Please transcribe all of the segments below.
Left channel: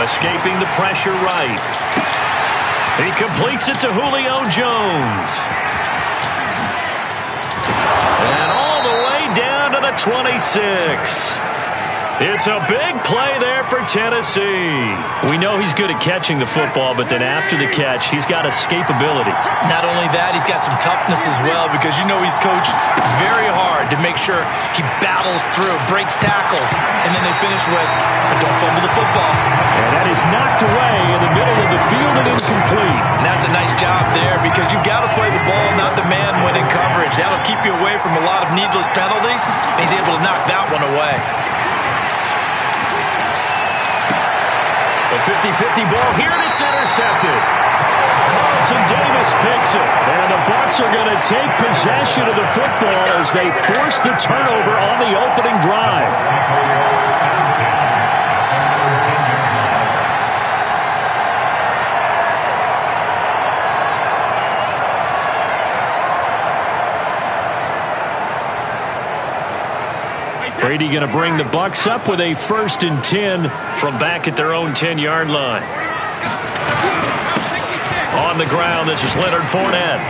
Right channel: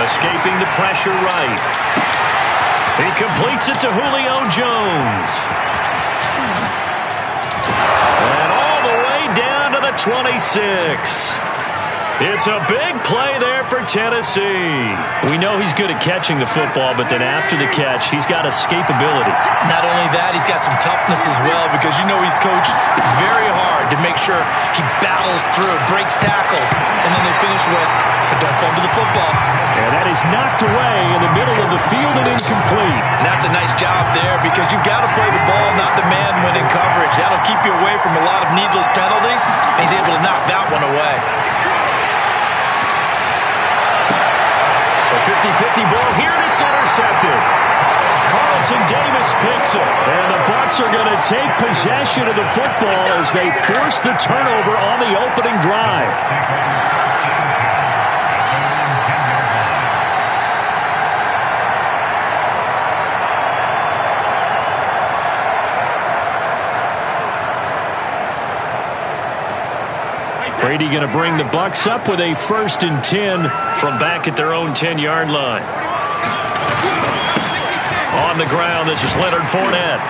Escaping the pressure right. He completes it to Julio Jones. And all the way down to the 26. It's a big play there for Tennessee. We know he's good at catching the football, but then after the catch, he's got escapability. Not only that, he's got some toughness as well, because you know he's coached very hard to make sure he battles through, breaks tackles, and then they finish with, but don't fumble the football. And that is knocked away in the middle of the field and incomplete. And that's a nice job there, because you've got to play the ball, not the man when in coverage. That'll keep you away from a lot of needless penalties, and he's able to knock that one away. A 50-50 ball here, and it's intercepted. Carlton Davis picks it. And the Bucs are going to take possession of the football as they force the turnover on the opening drive. Brady going to bring the Bucs up with a 1st and 10 from back at their own 10-yard line. On the ground, this is Leonard Fournette.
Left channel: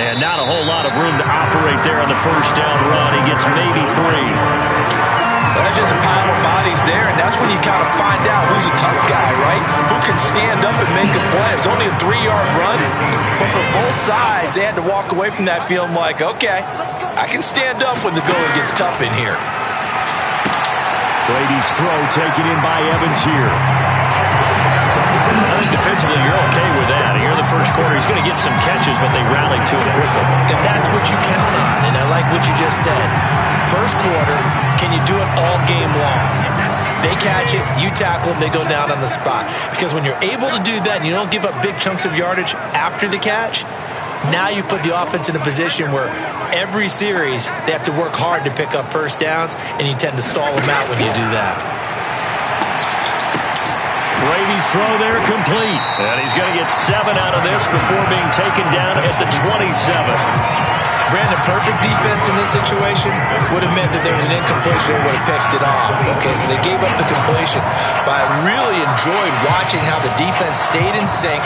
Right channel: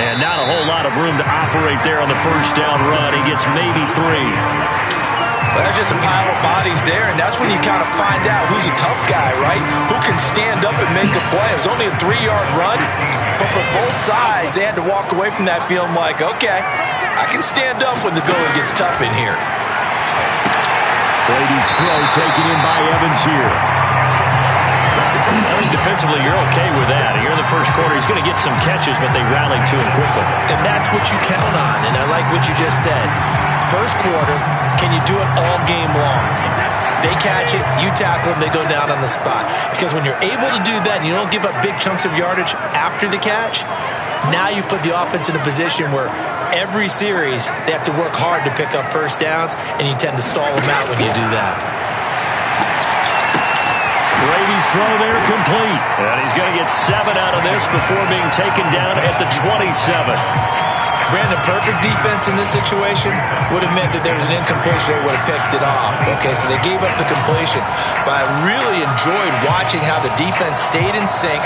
And not a whole lot of room to operate there on the first down run. He gets maybe 3. Well, there's just a pile of bodies there, and that's when you kind of find out who's a tough guy, right? Who can stand up and make a play. It was only a 3-yard run, but for both sides, they had to walk away from that feeling like, okay, I can stand up when the going gets tough in here. Brady's throw taken in by Evans here. I think defensively you're okay with that. Here in the first quarter, he's going to get some catches, but they rallied to him quickly. And that's what you count on, and I like what you just said. First quarter, can you do it all game long? They catch it, you tackle them, they go down on the spot. Because when you're able to do that and you don't give up big chunks of yardage after the catch, now you put the offense in a position where every series they have to work hard to pick up first downs, and you tend to stall them out when you do that. Brady's throw there complete. And he's going to get 7 out of this before being taken down at the 27. Brandon, perfect defense in this situation would have meant that there was an incompletion. They would have picked it off. Okay, so they gave up the completion. But I really enjoyed watching how the defense stayed in sync,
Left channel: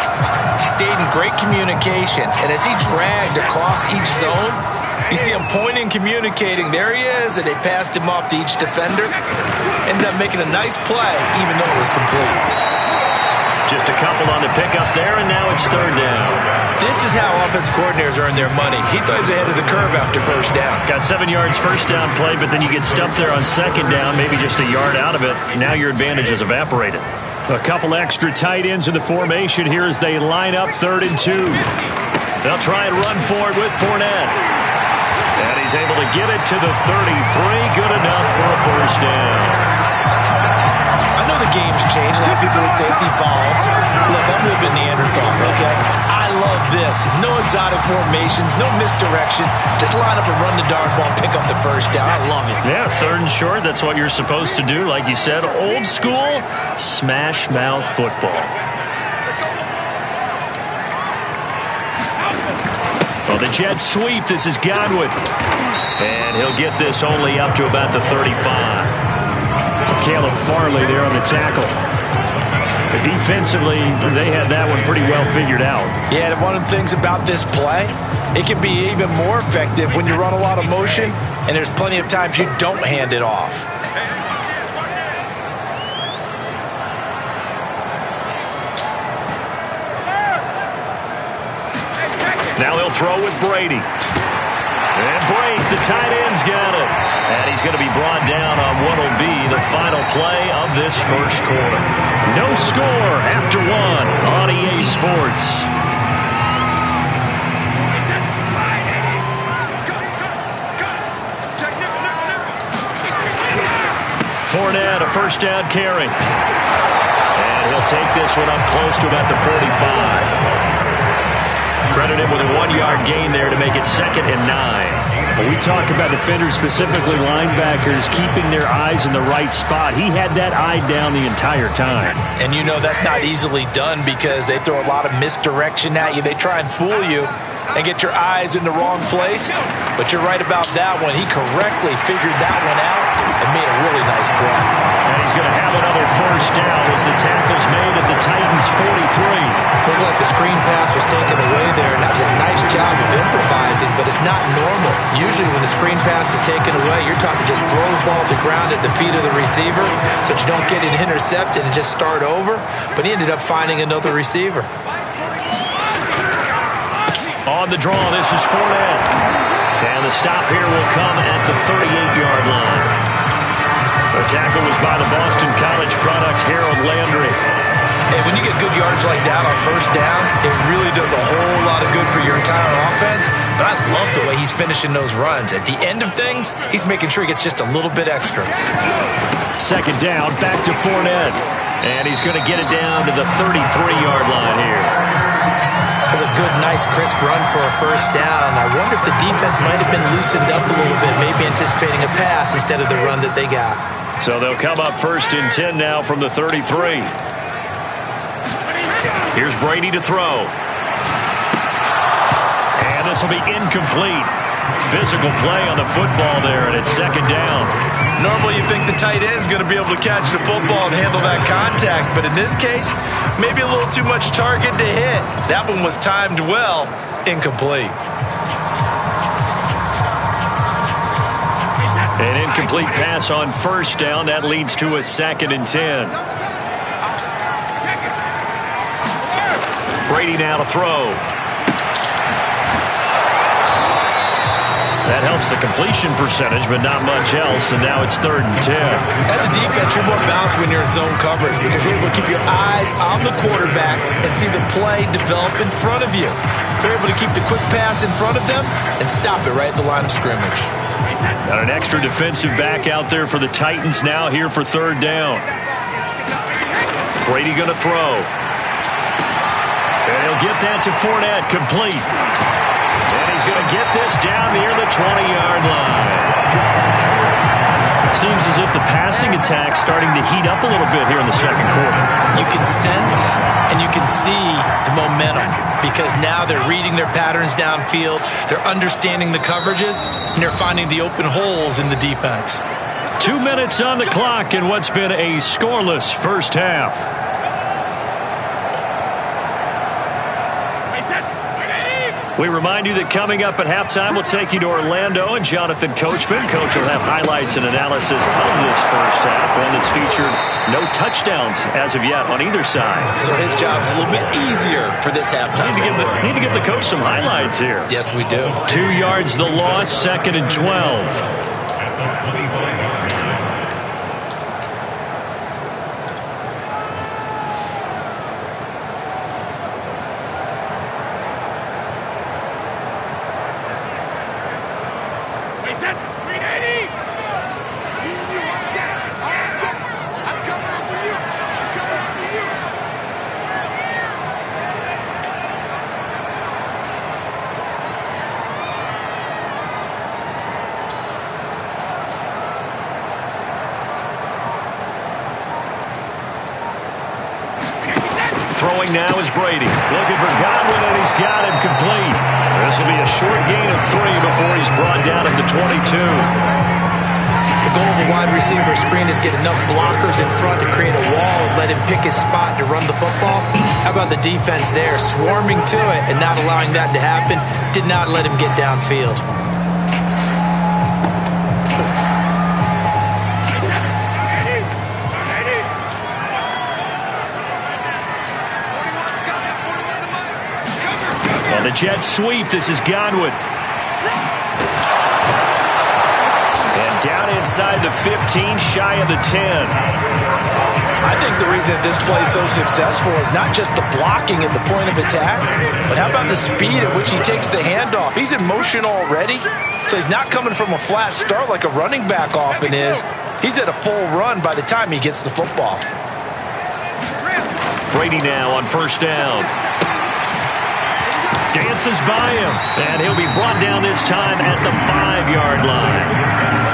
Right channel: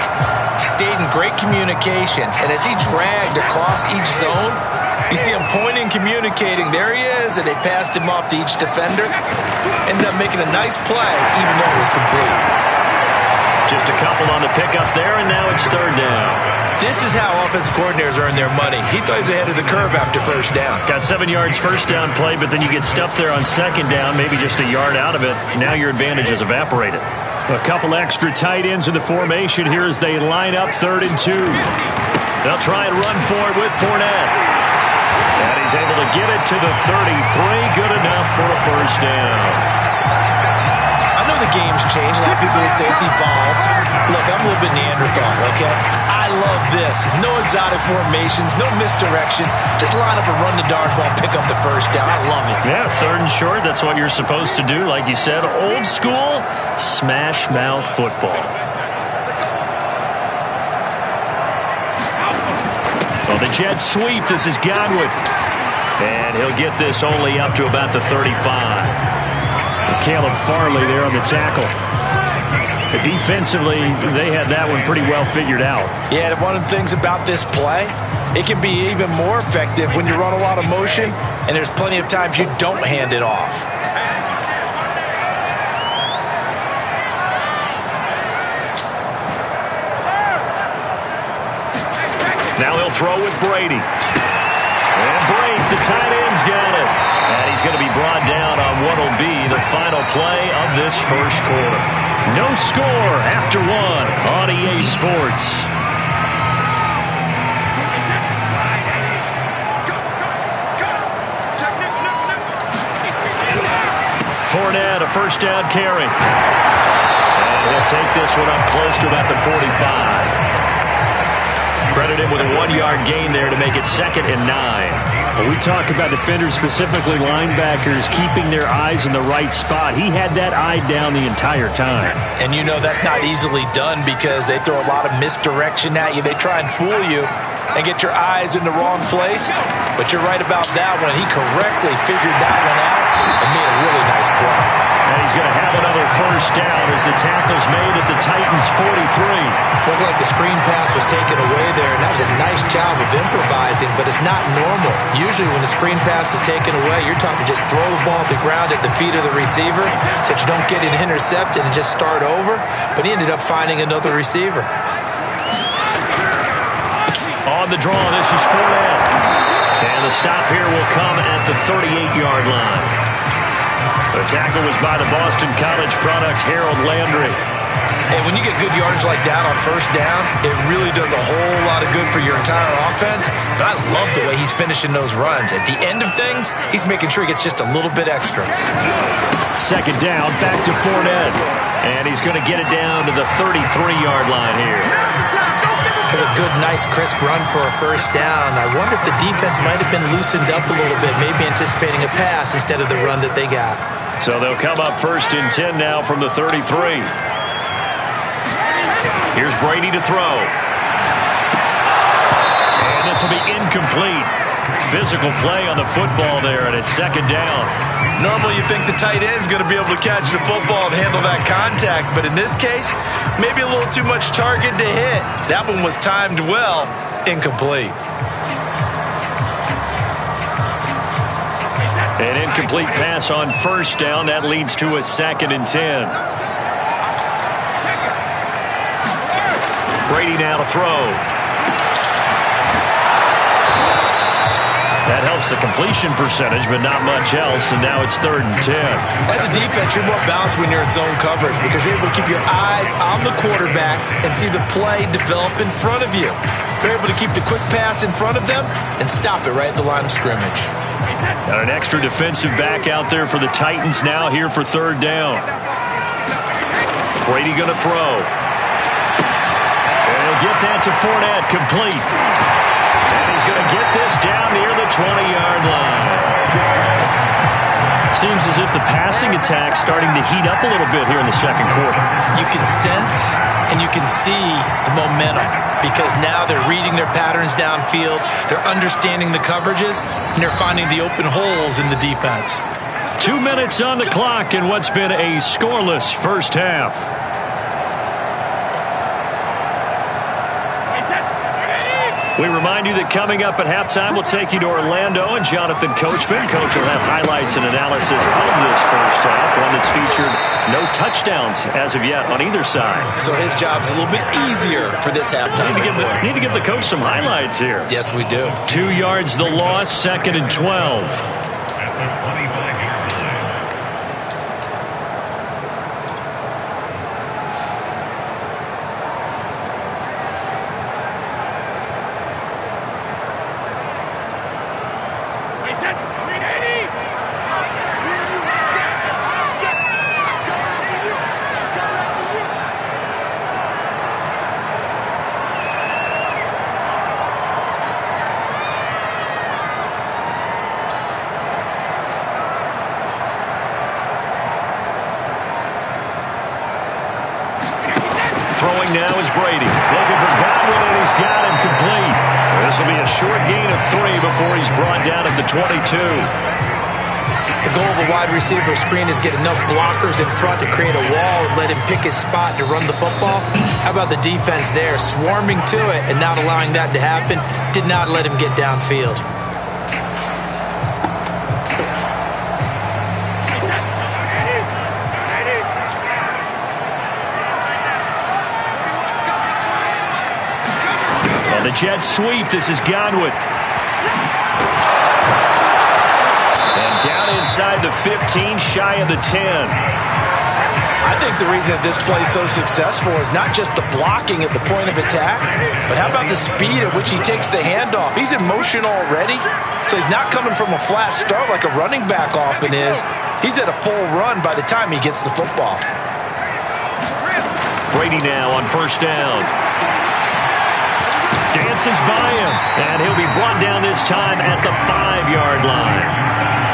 stayed in great communication, and as he dragged across each zone, you see him pointing, communicating. There he is, and they passed him off to each defender. Ended up making a nice play, even though it was complete. Just a couple on the pickup there, and now it's 3rd down. This is how offensive coordinators earn their money. He thought he was ahead of the curve after first down. Got 7 yards first down play, but then you get stuffed there on 2nd down, maybe just a yard out of it. Now your advantage has evaporated. A couple extra tight ends in the formation here as they line up 3rd and 2. They'll try and run forward with Fournette. And he's able to get it to the 33. Good enough for a first down. I know the game's changed. A lot of people would say it's evolved. Look, I'm a little bit Neanderthal, okay? I love this. No exotic formations, no misdirection. Just line up and run the darn ball, pick up the first down. I love it. Yeah, 3rd and short. That's what you're supposed to do. Like you said, old school smash mouth football. Well, the jet sweep. This is Godwin. And he'll get this only up to about the 35. Caleb Farley there on the tackle. Defensively, they had that one pretty well figured out. Yeah, and one of the things about this play, it can be even more effective when you run a lot of motion, and there's plenty of times you don't hand it off. Now he'll throw with Brady. And Brady, the tight end's got it. And he's going to be brought down on what will be the final play of this first quarter. No score after 1 on EA Sports. Fournette, a first down carry. And he'll take this one up close to about the 45. Credit him with a 1-yard gain there to make it 2nd and 9. When we talk about defenders, specifically linebackers, keeping their eyes in the right spot, he had that eye down the entire time. And you know that's not easily done because they throw a lot of misdirection at you. They try and fool you and get your eyes in the wrong place. But you're right about that one. He correctly figured that one out and made a really nice play. And he's going to have another first down as the tackle's made at the Titans' 43. Looked like the screen pass was taken away there, and that was a nice job of improvising, but it's not normal. Usually when the screen pass is taken away, you're taught to just throw the ball to the ground at the feet of the receiver so that you don't get it intercepted and just start over. But he ended up finding another receiver. On the draw, this is Fournette. And the stop here will come at the 38-yard line. The tackle was by the Boston College product, Harold Landry. And when you get good yardage like that on first down, it really does a whole lot of good for your entire offense. But I love the way he's finishing those runs. At the end of things, he's making sure he gets just a little bit extra. Second down, back to Fournette. And he's going to get it down to the 33-yard line here. That's a good, nice, crisp run for a first down. I wonder if the defense might have been loosened up a little bit, maybe anticipating a pass instead of the run that they got. So they'll come up 1st and 10 now from the 33. Here's Brady to throw. And this will be incomplete. Physical play on the football there, and it's second down. Normally you think the tight end's going to be able to catch the football and handle that contact, but in this case, maybe a little too much target to hit. That one was timed well, incomplete. An incomplete pass on first down. That leads to a 2nd and 10. Brady now to throw. That helps the completion percentage, but not much else, and now it's 3rd and 10. As a defense, you're more balanced when you're in zone coverage because you're able to keep your eyes on the quarterback and see the play develop in front of you. You're able to keep the quick pass in front of them and stop it right at the line of scrimmage. Got an extra defensive back out there for the Titans now here for 3rd down. Brady going to throw. And he'll get that to Fournette, complete. And he's going to get this down near the 20-yard line. Seems as if the passing attack's starting to heat up a little bit here in the second quarter. You can sense and you can see the momentum because now they're reading their patterns downfield, they're understanding the coverages, and they're finding the open holes in the defense. 2 minutes on the clock in what's been a scoreless first half. We remind you that coming up at halftime, we'll take you to Orlando and Jonathan Coachman. Coach will have highlights and analysis of this first half, one that's featured no touchdowns as of yet on either side. So his job's a little bit easier for this halftime. Need to give the coach some highlights here. Yes, we do. 2 yards the loss, 2nd and 12. Throwing now is Brady. Looking for Godwin, and he's got him complete. This will be a short gain of 3 before he's brought down at the 22. The goal of a wide receiver screen is get enough blockers in front to create a wall and let him pick his spot to run the football. How about the defense there, swarming to it and not allowing that to happen? Did not let him get downfield. The jet sweep. This is Godwin. And down inside the 15, shy of the 10. I think the reason that this play is so successful is not just the blocking at the point of attack, but how about the speed at which he takes the handoff? He's in motion already, so he's not coming from a flat start like a running back often is. He's at a full run by the time he gets the football. Brady now on first down. Dances by him, and he'll be brought down this time at the 5-yard line.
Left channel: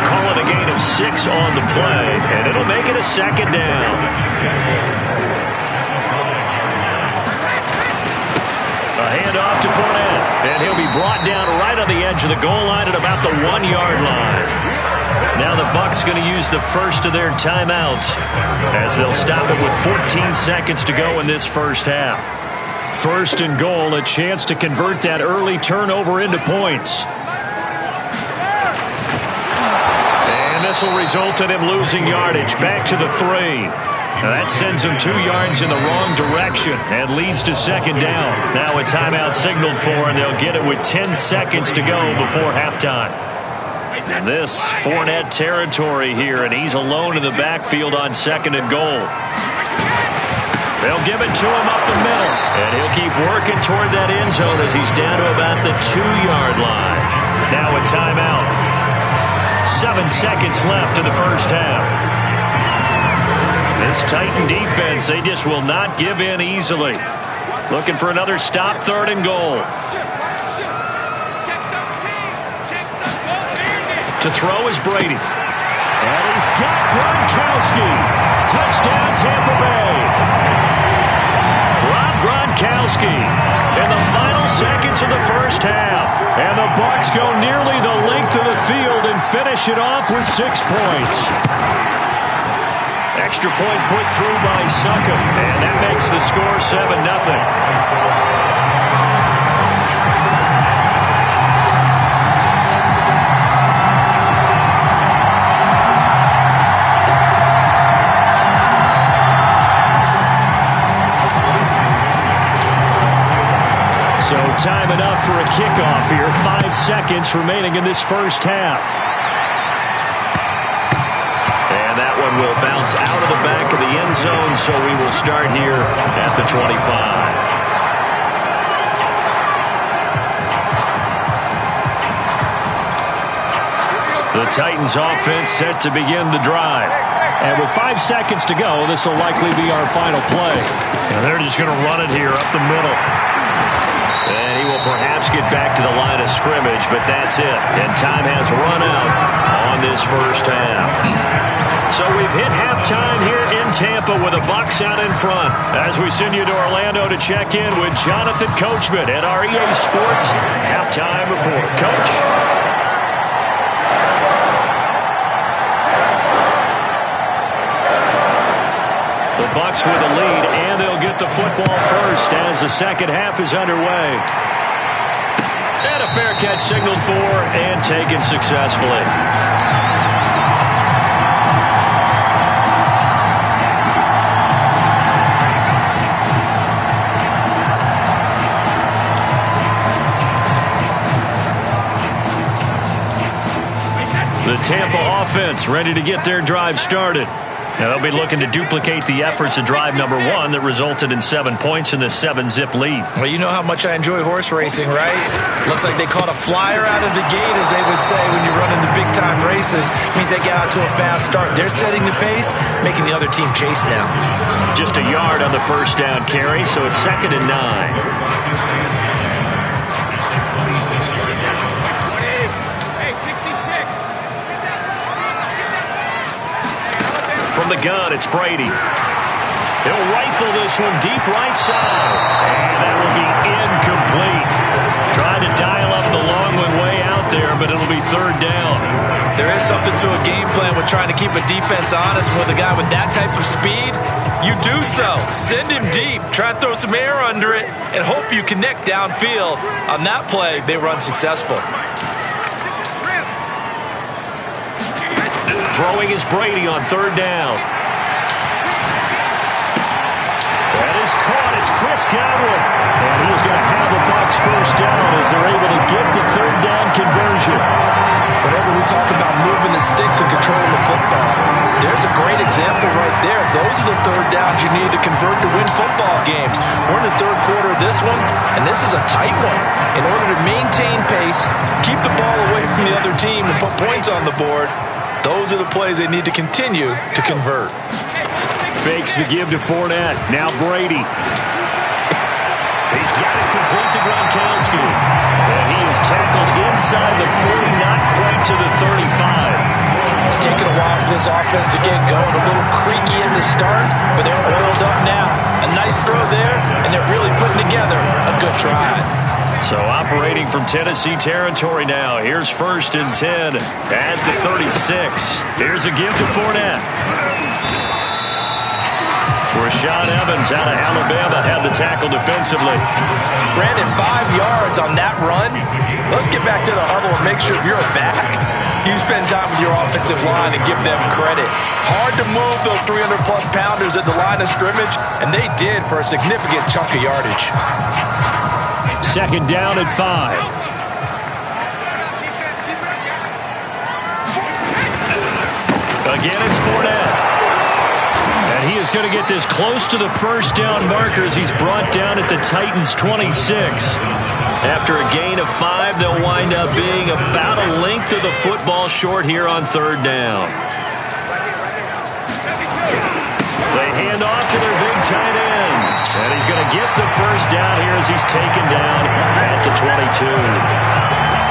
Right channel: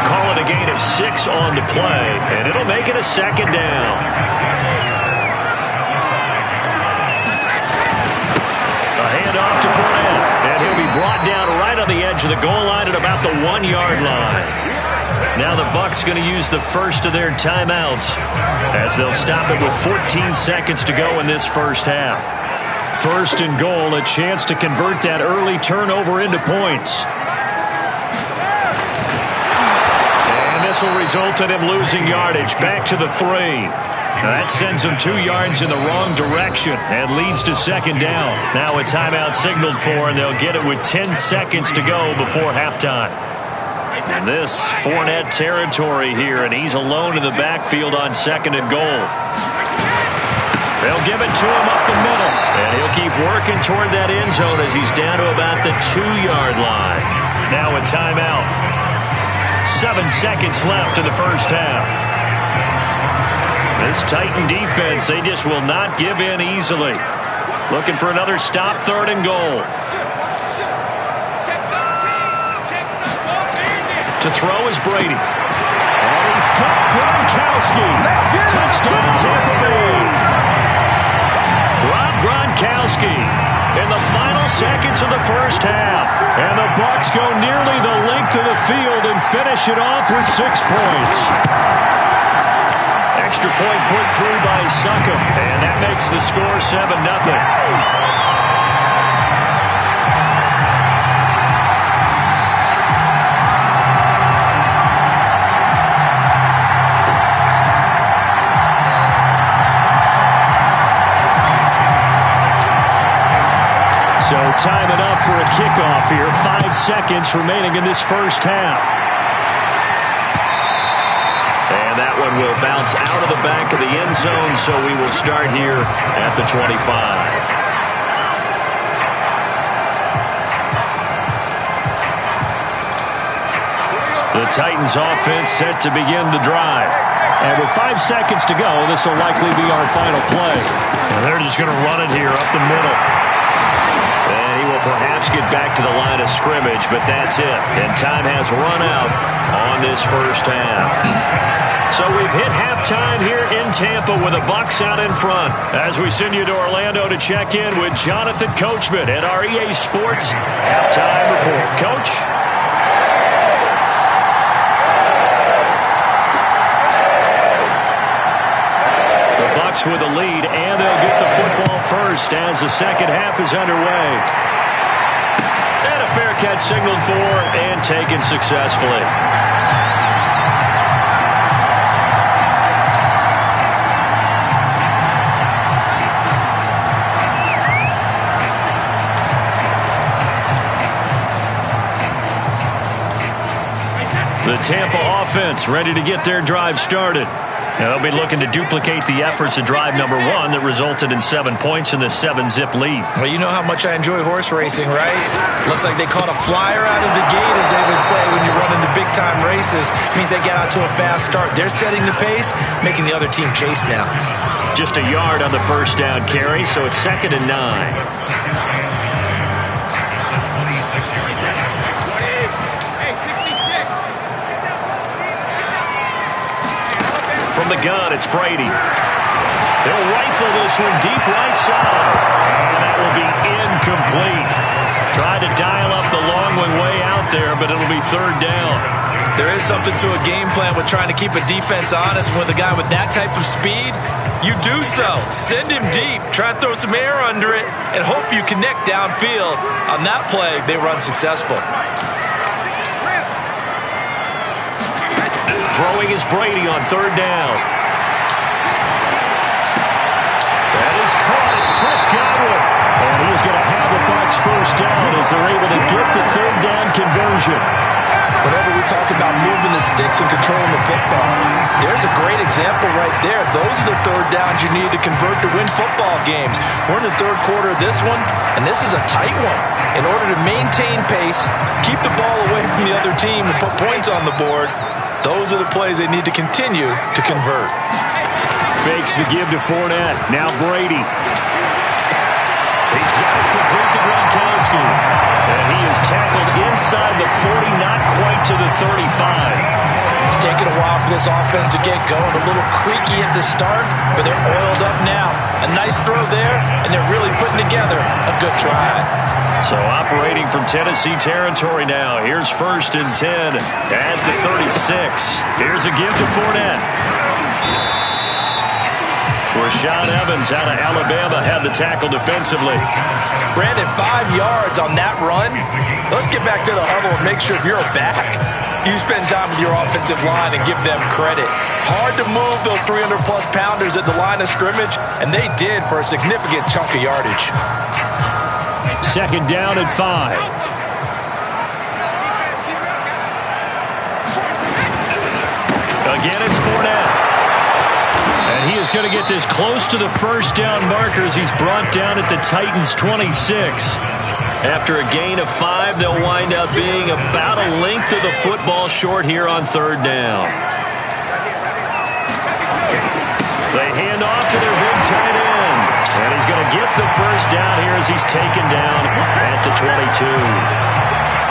Call it a gain of 6 on the play, and it'll make it a second down. A handoff to Fournette, and he'll be brought down right on the edge of the goal line at about the 1-yard line. Now the Bucs going to use the first of their timeouts as they'll stop it with 14 seconds to go in this first half. First and goal, a chance to convert that early turnover into points. And this will result in him losing yardage back to the 3. Now that sends him 2 yards in the wrong direction and leads to second down. Now a timeout signaled for, and they'll get it with 10 seconds to go before halftime. And this Fournette territory here, and he's alone in the backfield on second and goal. They'll give it to him up the middle, and he'll keep working toward that end zone as he's down to about the 2-yard line. Now a timeout. 7 seconds left in the first half. This Titan defense, they just will not give in easily. Looking for another stop, third and goal. To throw is Brady. And he's got Gronkowski. Touchdown, Tampa Bay. Rob Gronkowski in the final seconds of the first half. And the Bucs go nearly the length of the field and finish it off with 6 points. Extra point put through by Succop, and that makes the score 7-0. So time enough for a kickoff here. 5 seconds remaining in this first half. And that one will bounce out of the back of the end zone, so we will start here at the 25. The Titans offense set to begin the drive. And with 5 seconds to go, this will likely be our final play. And they're just going to run it here up the middle. And he will perhaps get back to the line of scrimmage, but that's it. And time has run out on this first half. So we've hit halftime here in Tampa with the Bucs out in front. As we send you to Orlando to check in with Jonathan Coachman at our EA Sports Halftime Report. Coach? The Bucs with a lead, and they'll get the football first as the second half is underway. And a fair catch signaled for and taken successfully. The Tampa offense ready to get their drive started. Now they'll be looking to duplicate the efforts of drive number 1 that resulted in 7 points in the 7-zip lead. Well, you know how much I enjoy horse racing, right? Looks like they caught a flyer out of the gate, as they would say when you're running the big-time races. It means they get out to a fast start. They're setting the pace, making the other team chase now. Just a yard on the first down carry, so it's 2nd and 9. From the gun, it's Brady. He'll rifle this one deep right side. And that will be incomplete. Tried to dial up the long one way out there, but it'll be 3rd down. There is something to a game plan with trying to keep a defense honest. With a guy with that type of speed, you do so. Send him deep. Try and throw some air under it and hope you connect downfield. On that play, they run successful. Throwing is Brady on 3rd down. That is caught. It's Chris Godwin. And he is going to have the Bucs first down as they're able to get the 3rd down conversion. Whenever we talk about moving the sticks and controlling the football, there's a great example right there. Those are the 3rd downs you need to convert to win football games. We're in the 3rd quarter of this one, and this is a tight one. In order to maintain pace, keep the ball away from the other team, and put points on the board, those are the plays they need to continue to convert. Fakes the give to Fournette. Now Brady. He's He's got it complete to Gronkowski. And he is tackled inside the 40, not quite to the 35. It's taken a while for this offense to get going. A little creaky at the start, but they're oiled up now. A nice throw there, and they're really putting together a good drive. So operating from Tennessee territory now. Here's 1st and 10 at the 36. Here's a give to Fournette. Rashaan Evans out of Alabama had the tackle defensively. Brandon, 5 yards on that run. Let's get back to the huddle and make sure if you're a back, you spend time with your offensive line and give them credit. Hard to move those 300-plus pounders at the line of scrimmage, and they did for a significant chunk of yardage. 2nd down at 5. Again, it's Fournette. And he is going to get this close to the 1st down markers. He's brought down at the Titans' 26. After a gain of 5, they'll wind up being about a length of the football short here on 3rd down. They hand off to their big tight end. And he's going to get the 1st down here as he's taken down at the 22.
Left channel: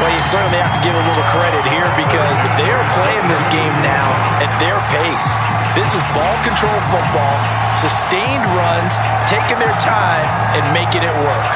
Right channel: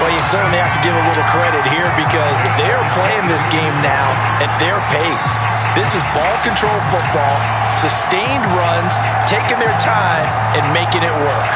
Well, you certainly have to give a little credit here because they are playing this game now at their pace. This is ball control football, sustained runs, taking their time and making it work.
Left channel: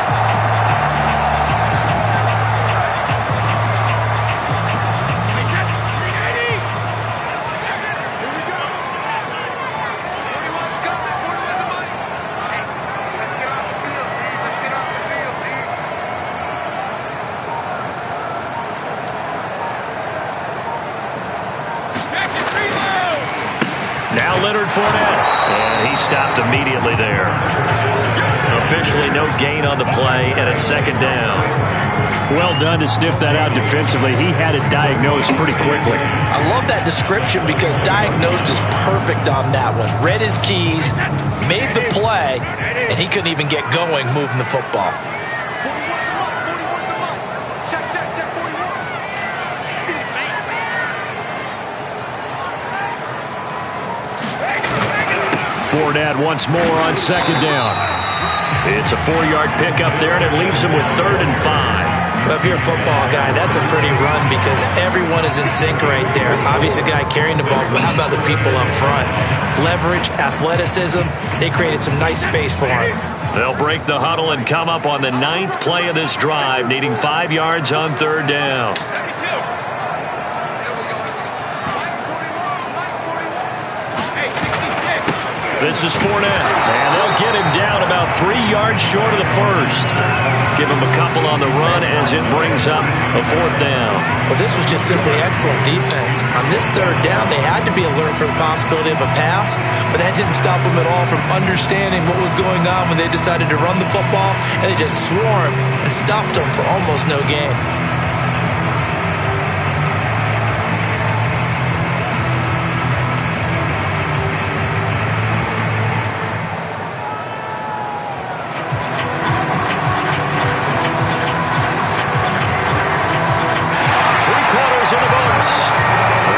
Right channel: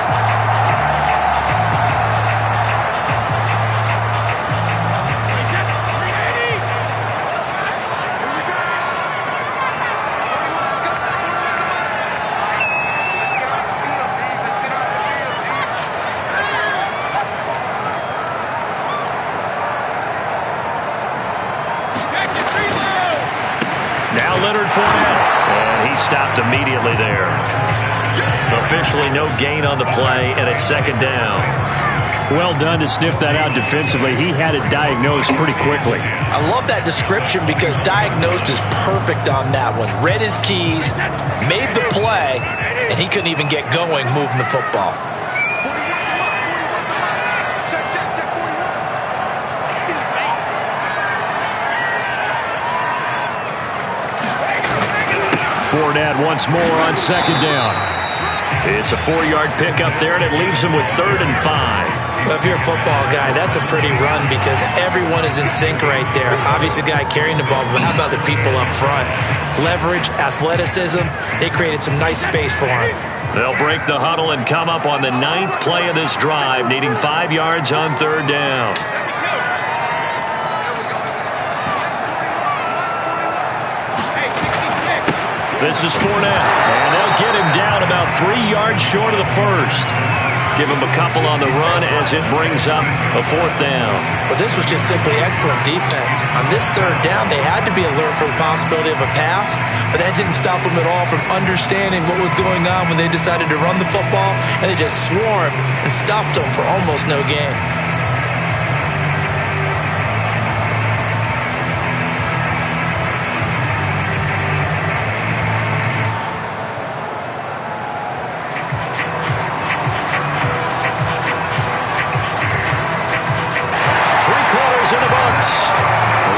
Fournette, and he stopped immediately there. Officially no gain on the play, and it's 2nd down. Well done to sniff that out defensively. He had it diagnosed pretty quickly. I love that description because diagnosed is perfect on that one. Read his keys, made the play, and he couldn't even get going moving the football. Fournette once more on 2nd down. It's a 4-yard pickup there, and it leaves him with 3rd and 5. Well, if you're a football guy, that's a pretty run because everyone is in sync right there. Obviously, the guy carrying the ball, but how about the people up front? Leverage, athleticism, they created some nice space for him. They'll break the huddle and come up on the 9th play of this drive, needing 5 yards on 3rd down. This is Fournette, and they'll get him down about 3 yards short of the 1st. Give him a couple on the run as it brings up a 4th down. Well, this was just simply excellent defense. On this 3rd down, they had to be alert for the possibility of a pass, but that didn't stop them at all from understanding what was going on when they decided to run the football, and they just swarmed and stuffed them for almost no gain. In the books.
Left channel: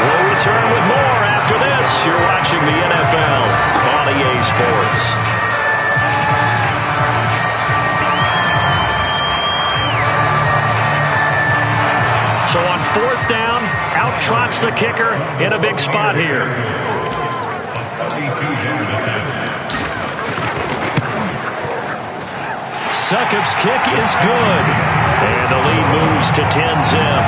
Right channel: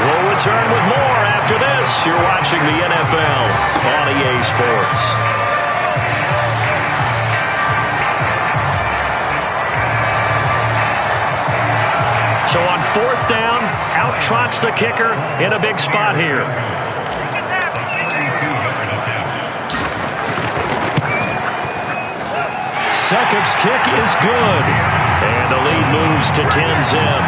We'll return with more after this. You're watching the NFL on EA Sports. So on 4th down, out trots the kicker in a big spot here. Sukup's kick is good. And the lead moves to 10-zip.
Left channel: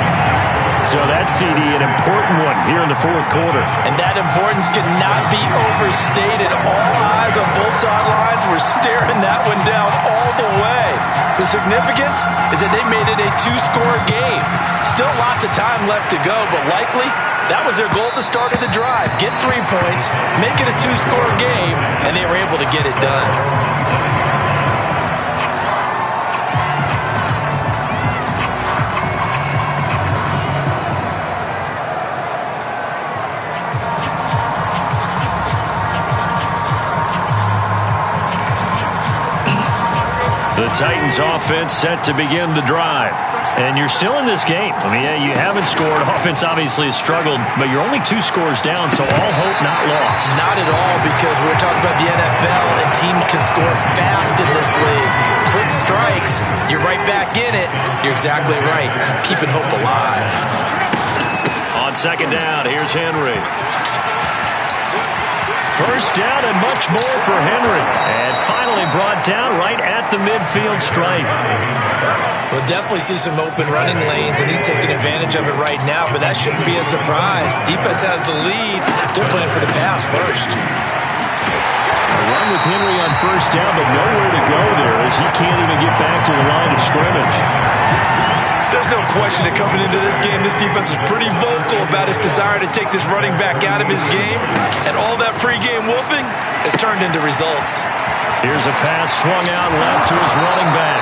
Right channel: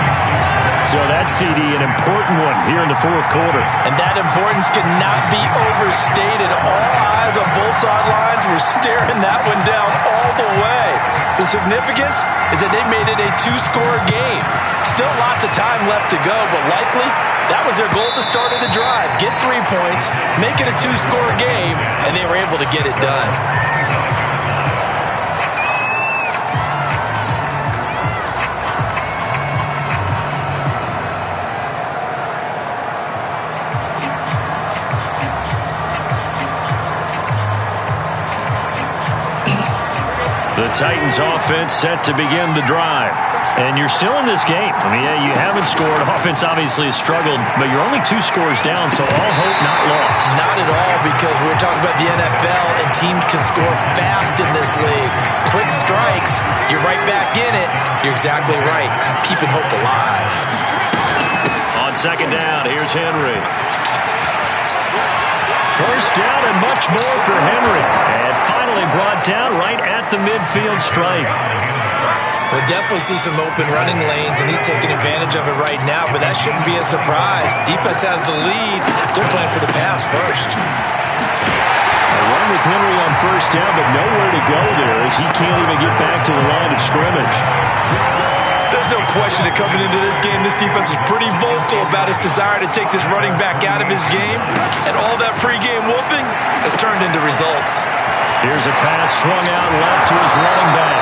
So that CD, an important one here in the 4th quarter. And that importance cannot be overstated. All eyes on both sidelines were staring that one down all the way. The significance is that they made it a 2-score game. Still lots of time left to go, but likely that was their goal at the start of the drive. Get 3 points, make it a 2-score game, and they were able to get it done. The Titans offense set to begin the drive. And you're still in this game. I mean, yeah, you haven't scored. Offense obviously has struggled, but you're only 2 scores down, so all hope not lost. Not at all, because we're talking about the NFL, and teams can score fast in this league. Quick strikes, you're right back in it. You're exactly right. Keeping hope alive. On second down, here's Henry. First down and much more for Henry. And finally brought down right at the midfield stripe. We'll definitely see some open running lanes, and he's taking advantage of it right now, but that shouldn't be a surprise. Defense has the lead. They're playing for the pass first. A run with Henry on first down, but nowhere to go there as he can't even get back to the line of scrimmage. There's no question that coming into this game, this defense was pretty vocal about its desire to take this running back out of his game. And all that pregame whooping has turned into results. Here's a pass swung out left to his running back.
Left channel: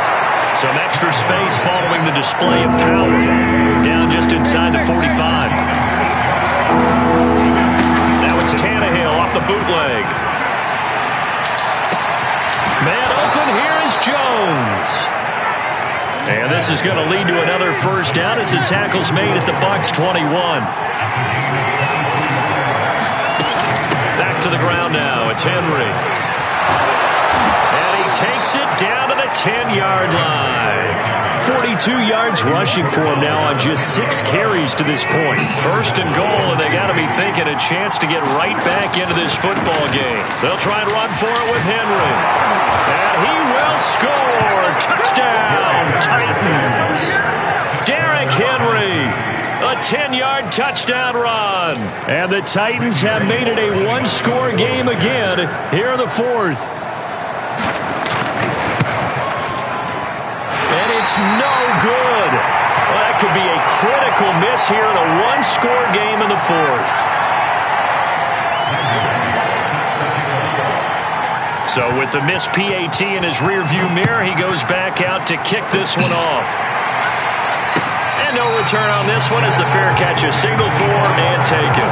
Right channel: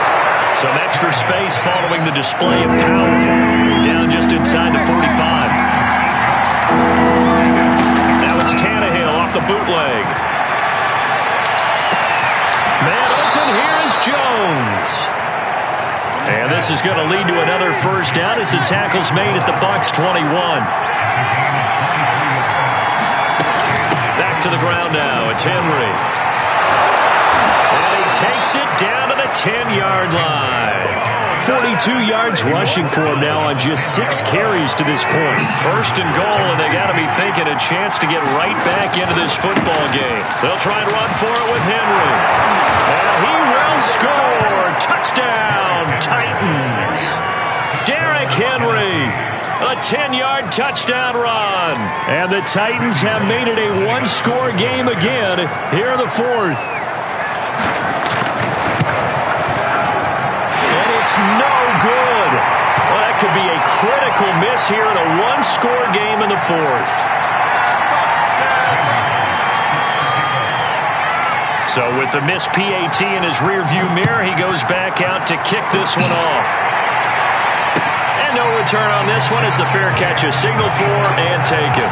Some extra space following the display of power. Down just inside the 45. Now it's Tannehill off the bootleg. Man open, here is Jones. And this is going to lead to another first down as the tackle's made at the Bucs 21. Back to the ground now. It's Henry. And he takes it down to the 10-yard line. 42 yards rushing for him now on just 6 carries to this point. First and goal, and they got to be thinking a chance to get right back into this football game. They'll try and run for it with Henry. And he will score. Touchdown, Titans. Derrick Henry, a 10-yard touchdown run. And the Titans have made it a 1-score game again here in the 4th. And it's no good. Well, that could be a critical miss here in a 1-score game in the 4th. So with the missed PAT in his rearview mirror, he goes back out to kick this one off. And no return on this one as the fair catch is signaled for and taken.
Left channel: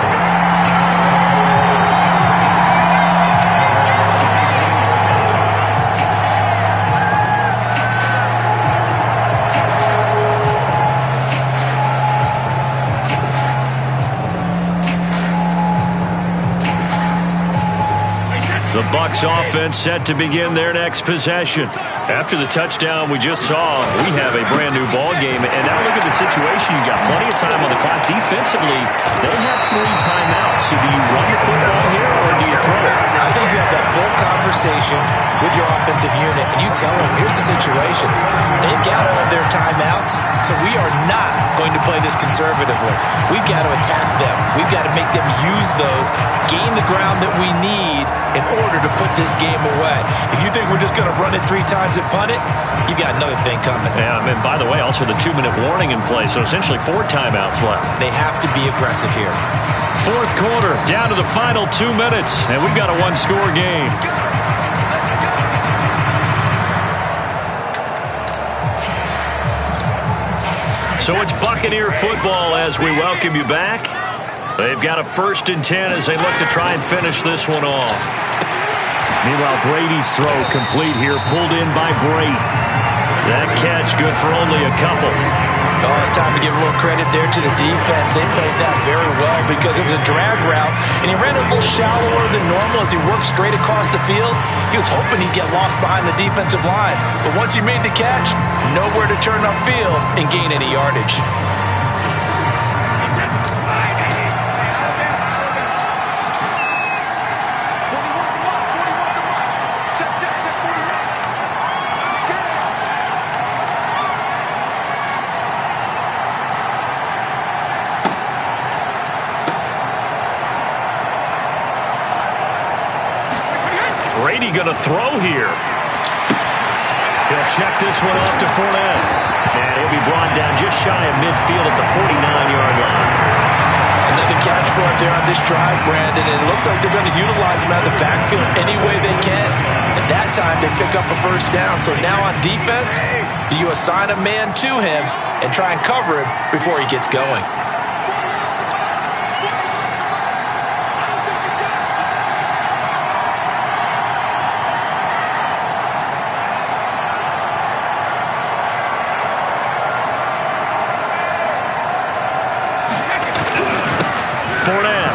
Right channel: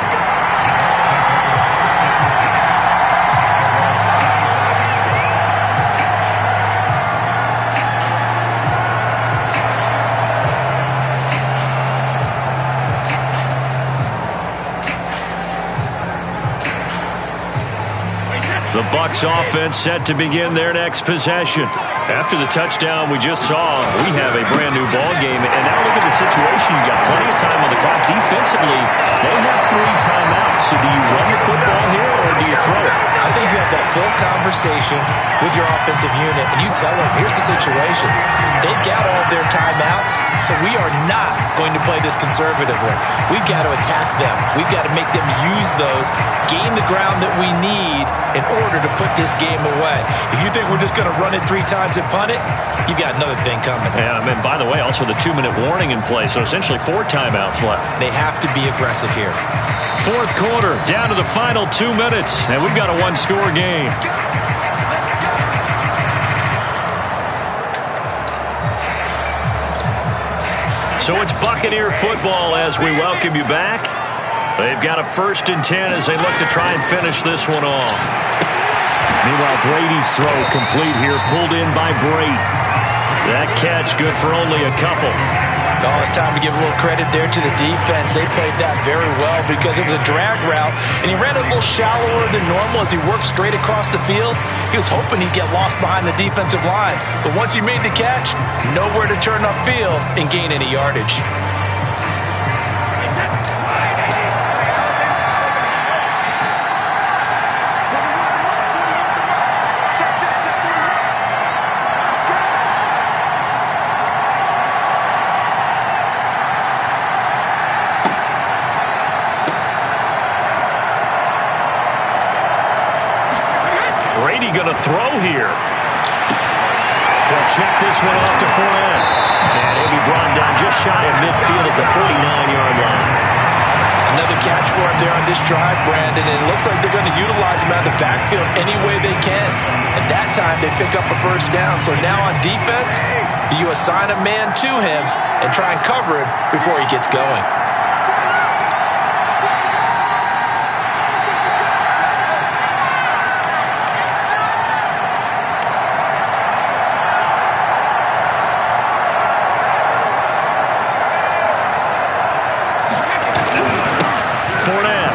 The Bucs offense set to begin their next possession. After the touchdown we just saw, we have a brand new ball game. And now look at the situation. You got plenty of time on the clock. Defensively, they have 3 timeouts. So do you run the football here or do you throw it? I think you have that full conversation with your offensive unit, and you tell them, here's the situation. They've got all of their timeouts, so we are not going to play this conservatively. We've got to attack them. We've got to make them use those, gain the ground that we need in order to put this game away. If you think we're just going to run it 3 times and punt it, you've got another thing coming. Yeah, and by the way, also the 2-minute warning in play, so essentially 4 timeouts left. They have to be aggressive here. 4th quarter, down to the final 2 minutes, and we've got a 1-score game. So it's Buccaneer football as we welcome you back. They've got a 1st and 10 as they look to try and finish this one off. Meanwhile, Brady's throw complete here, pulled in by Brady. That catch good for only a couple. Oh, it's time to give a little credit there to the defense. They played that very well because it was a drag route, and he ran a little shallower than normal as he worked straight across the field. He was hoping he'd get lost behind the defensive line, but once he made the catch, nowhere to turn upfield and gain any yardage. Brady going to throw here. He'll check this one off to Fournette. And he'll be brought down just shy of midfield at the 49-yard line. Another catch for him there on this drive, Brandon. And it looks like they're going to utilize him out of the backfield any way they can. At that time, they pick up a 1st down. So now on defense, do you assign a man to him and try and cover him before he gets going? Fournette.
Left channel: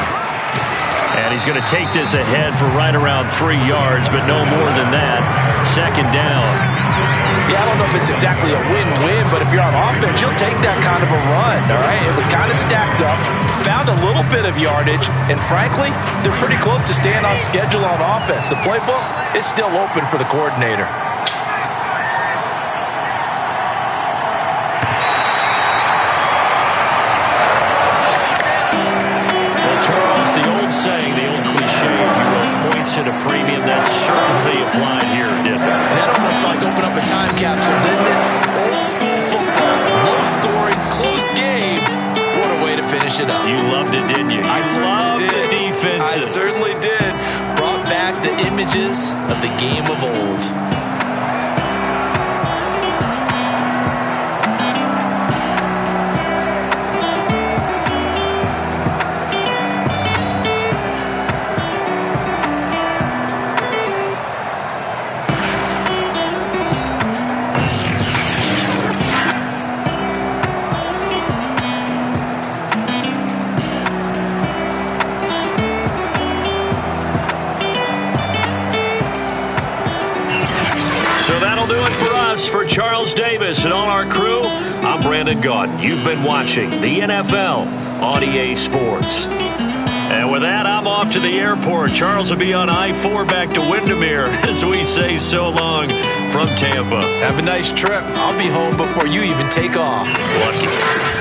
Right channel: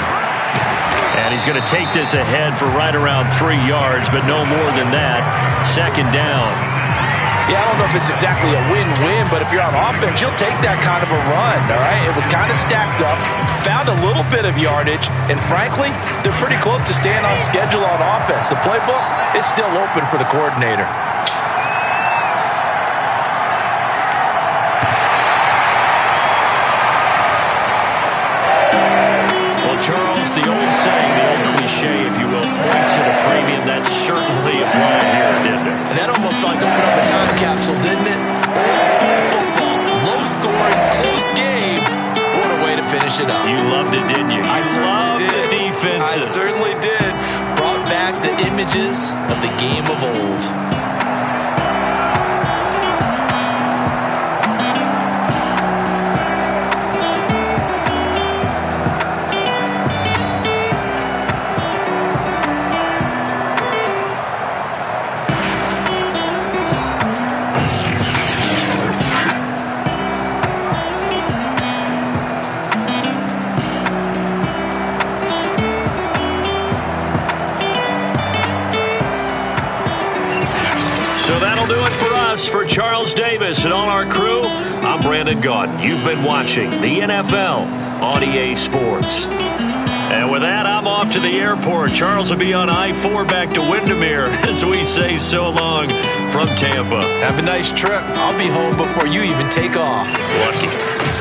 And he's going to take this ahead for right around 3 yards, but no more than that. Second down. Yeah, I don't know if it's exactly a win-win, but if you're on offense, you'll take that kind of a run, all right? It was kind of stacked up, found a little bit of yardage, and frankly, they're pretty close to staying on schedule on offense. The playbook is still open for the coordinator. Charles, the old saying, the old cliche, if you will, points at a premium, that certainly applied here, didn't it? And that almost felt like opened up a time capsule, didn't it? Old school football, low scoring, close game. What a way to finish it up. You loved it, didn't you? I loved did. The defense. I certainly did. Brought back the images of the game of old. For Charles Davis and all our crew, I'm Brandon Gaudin. You've been watching the NFL on EA Sports. And with that, I'm off to the airport. Charles will be on I-4 back to Windermere as we say so long from Tampa. Have a nice trip. I'll be home before you even take off. Lucky.